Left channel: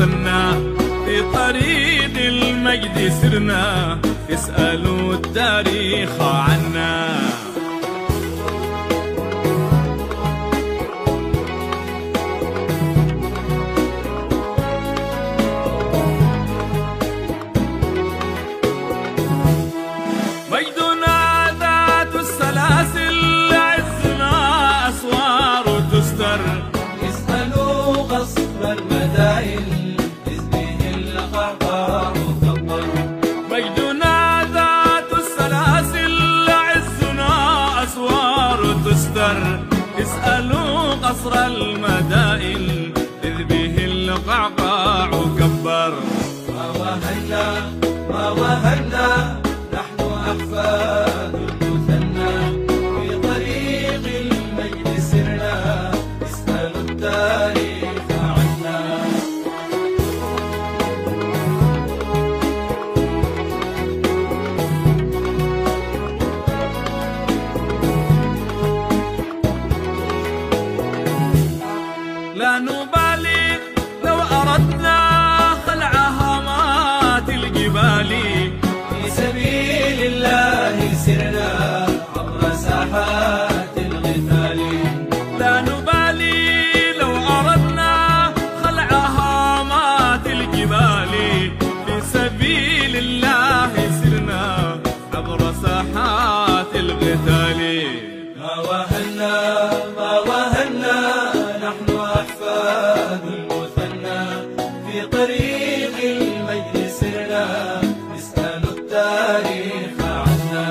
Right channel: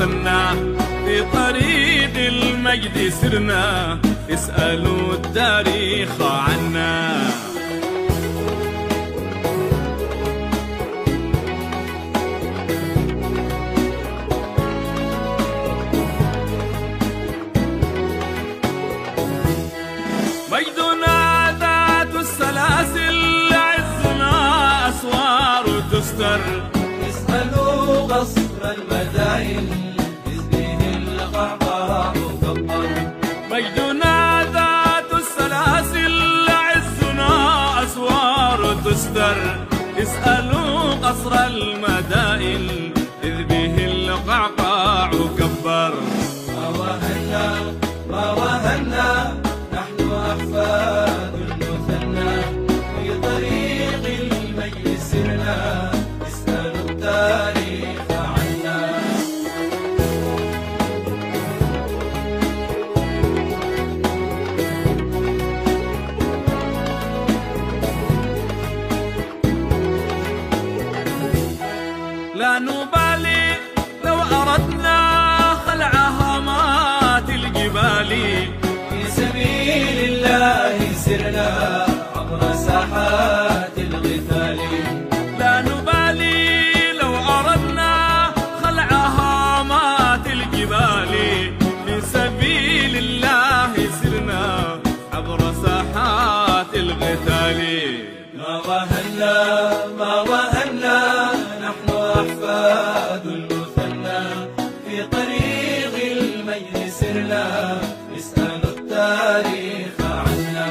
المثنى في طريق المجد سرنا، اسألوا التاريخ عنا. مجدنا ذات السلاسل، عزنا أسوار تستر، اسألوا غصب المدائن إذ به القعقاع تضطر. مجدنا ذات السلاسل، عزنا أسوار تستر، اسألوا قصر المدائن إذ به القعقاع كبر. ما وهنا ما وهنا نحن أحفاد المثنى، في طريق المجد سرنا، اسألوا التاريخ عنا. لا نبالي لو أردنا خلع هامات الجبال، في سبيل الله سرنا عبر ساحات القتال. لا نبالي لو أردنا خلع هامات الجبال، في سبيل الله سرنا عبر ساحات القتال. ما وهنا ما وهنا نحن أحفاد المثنى، في طريق المجد سرنا، نسأل التاريخ عنا.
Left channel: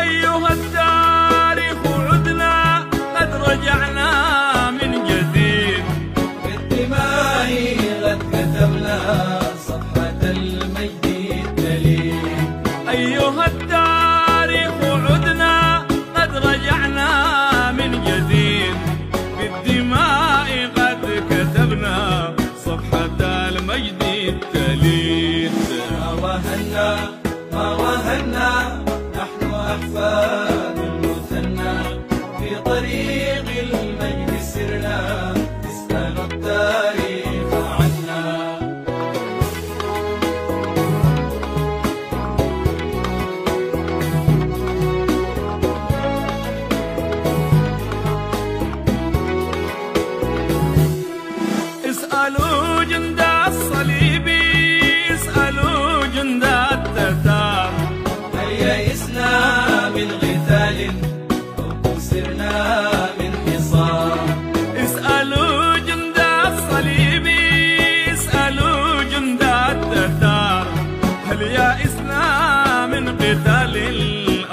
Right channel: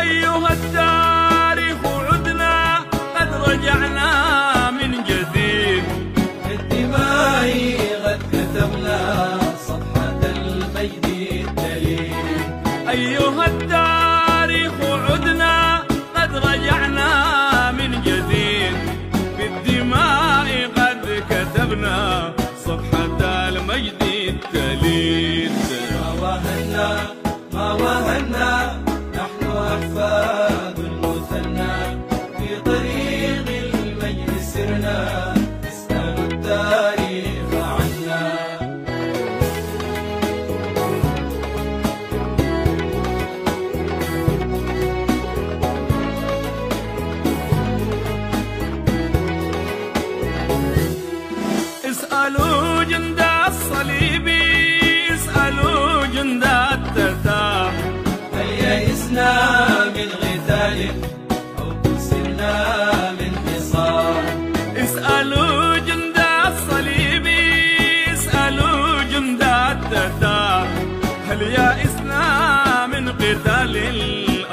أيها التاريخ عدنا قد رجعنا من جديد، بالدماء قد كتبنا صفحة المجد الدليل. أيها التاريخ عدنا قد رجعنا من جديد، بالدماء قد كتبنا صفحة المجد التليد. ما وهنا ما وهنا نحن أحفاد المثنى، في طريق المجد سرنا، نسأل التاريخ عنا. اسألوا جند الصليب، اسألوا جند التتار، هل يئسنا من قتال أو كسرنا من حصار؟ اسألوا جند الصليب، اسألوا جند التتار، هل يئسنا من قتال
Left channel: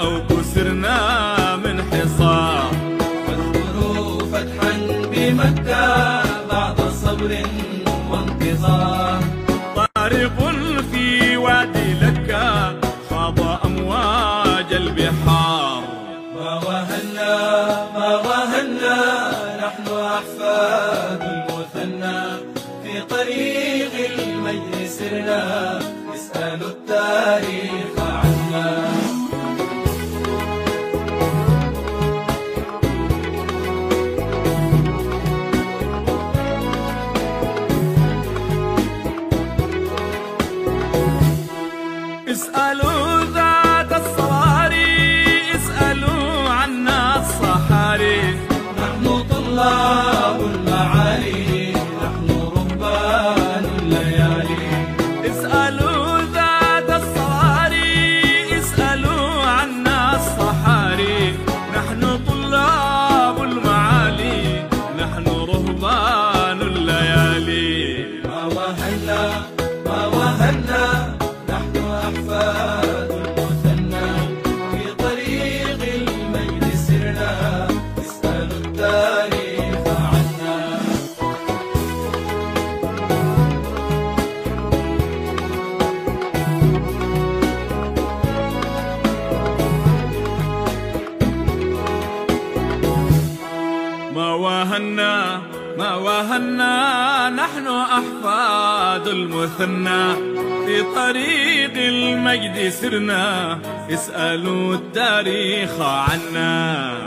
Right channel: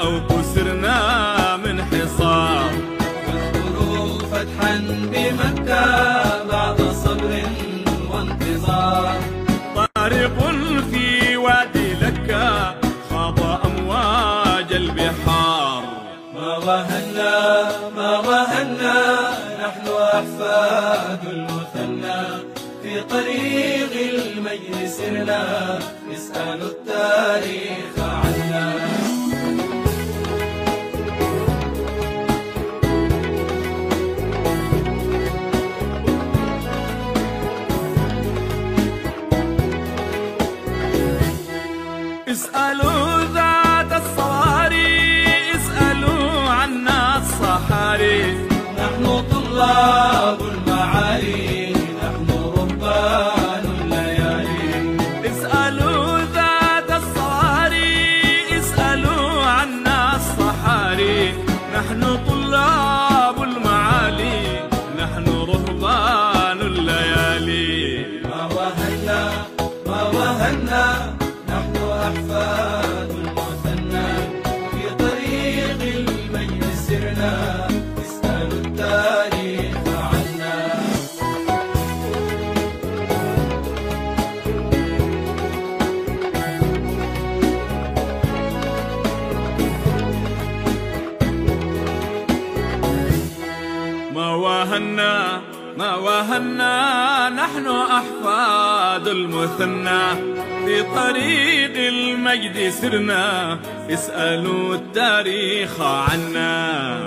أو كسرنا من حصار؟ واذكروا فتحا بمكة بعد صبر وانتظار. طارق في وادي لكة خاض أمواج البحار. ما وهنا ما وهنا نحن أحفاد المثنى، في طريق المجد سرنا، نسأل التاريخ عنا. اسألوا ذات الصواري، اسألوا عنا الصحاري، نحن طلاب المعالي، نحن رهبان الليالي. اسألوا ذات الصواري، اسألوا عنا الصحاري، نحن طلاب المعالي، نحن رهبان الليالي. ما وهنا ما وهنا نحن أحفاد المثنى، في طريق المجد سرنا، نسأل التاريخ عنا. ما واهنا ما واهنا نحن أحفاد المثنى، في طريق المجد سرنا، اسألوا التاريخ عنا.